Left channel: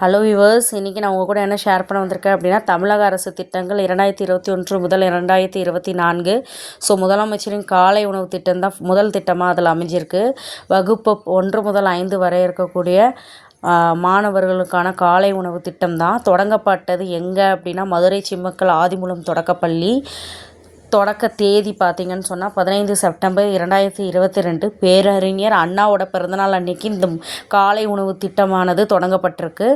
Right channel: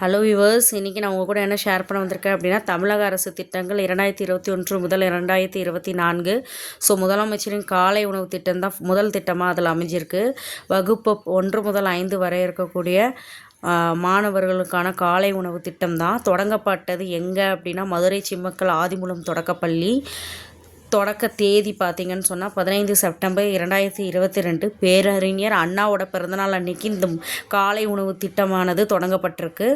Hello viewers, இன்றைக்கி நான் உங்கள் கூட என்ன ஷேர் பண்ண வந்திருக்கேன் அப்படின்னா, தமிழக அரசு திட்டங்கள் 2021 முதல் 2024. ஸோ முதலமைச்சரின் காலை உணவு திட்டம் தான் முதல் திட்டமாக அதில் அமைஞ்சிருக்கு. வகுப்பு 1 முதல் 5 வரை இருக்கக்கூடிய மாணவர்களுக்கான காலை உணவு திட்டம் தான் தொடங்கப்பட்டது. எங்கே அப்படின்னா, மதுரை சிம்மக்கல் ஆதிமூலம் தொடக்கப்பள்ளி. தொடக்க தேதி பார்த்திங்கன்னு சொன்னால் 15 செப்டம்பர் 2022. பேரறிஞர் அண்ணாவோட பிறந்தநாள் அன்னைக்கு இந்த காலை உணவு திட்டமானது தொடங்கப்பட்டிருக்கு.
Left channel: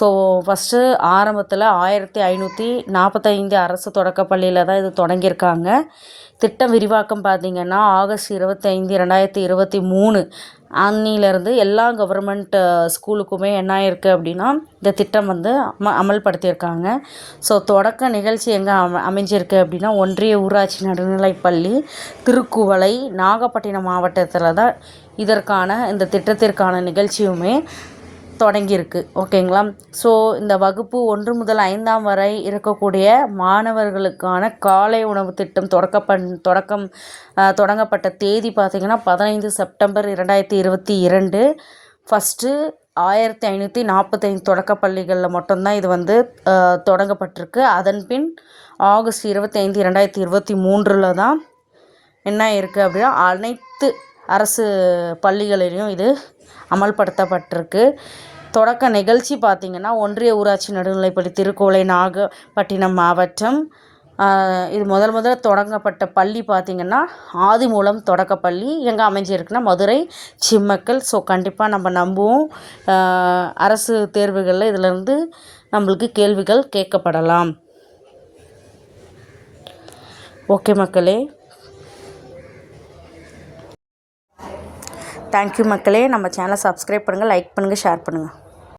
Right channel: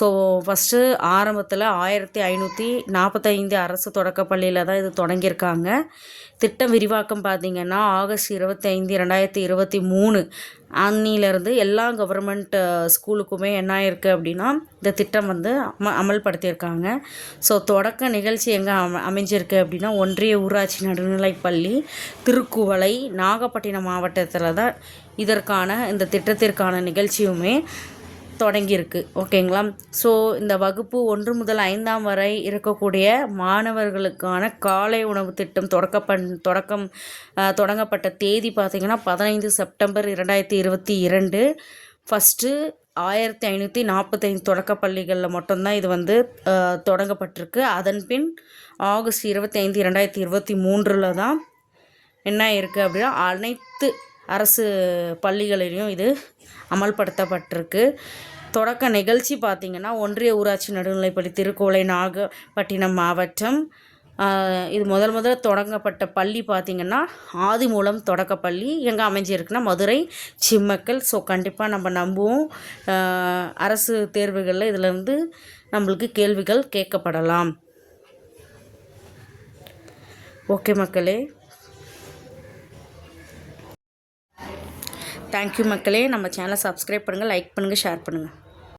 ஸோ ஃபஸ்ட்டு ஆரம்பத்தில் 1545 அரசு தொடக்கப்பள்ளியில் தான் இது தொடங்கியிருக்காங்க. திட்டம் விரிவாக்கம் பார்த்திங்கன்னா ஆகஸ்ட் 25, 2023 அன்னிலேருந்து எல்லா கவர்மெண்ட் ஸ்கூலுக்குமே என்ன ஆயிருக்கு அப்படின்னா இந்த திட்டம் வந்து அமல்படுத்தியிருக்காங்க. ஸோ தொடக்க நிகழ்ச்சி எங்கே அமைஞ்சிருக்கு அப்படின்னா, ஒன்றிய ஊராட்சி நடுநிலைப்பள்ளி திருக்குவளை, நாகப்பட்டினம் மாவட்டத்தில் தான் இதற்கான இந்த திட்டத்திற்கான நிகழ்ச்சியுமே தொடங்கியிருக்கு. ஓகேங்களா? ஸோ இந்த வகுப்பு 1 முதல் 5 வரை இருக்கக்கூடிய மாணவர்களுக்கான காலை உணவு திட்டம் தொடங்கப்பட்ட தேதி பார்த்திங்கன்னா 15 செப்டம்பர் 2022. ஃபஸ்ட்டு 1545 தொடக்கப்பள்ளிகளில் மட்டும்தான் இது வந்து தொடங்கப்பட்டிருக்கு. அதன் பின் ஆகஸ்ட் 25, 2023 தான் என்ன இருக்குது அப்படின்னா அனைத்து அரசு பள்ளிகளிலையும் இது அமல்படுத்தப்பட்டிருக்கு. தொடக்க நிகழ்ச்சி பார்த்திங்கன்னா ஒன்றிய ஊராட்சி நடுநிலைப்பள்ளி திருக்குவளை, நாகப்பட்டினம் மாவட்டம். இது முதல் தொடங்கப்பட்ட பள்ளி பார்த்திங்கன்னா ஆதிமூலம் தொடக்கப்பள்ளி. எங்கே அமைஞ்சிருக்குன்னா மதுரை சிம்மக்கல். ஸோ கண்டிப்பாக நம்ம நம்புவோம் அரசு தேர்வுகளில் இதிலேருந்து நம்மளுக்கு கேள்விகள் கேட்கப்படலாம். ஓகே மக்களே, தேங்க்யூ மக்களே. நம்ம சேனலை சப்ஸ்கிரைப் பண்ணுங்கள், லைக் பண்ணுங்கள், ஷேர் பண்ணுங்கள்.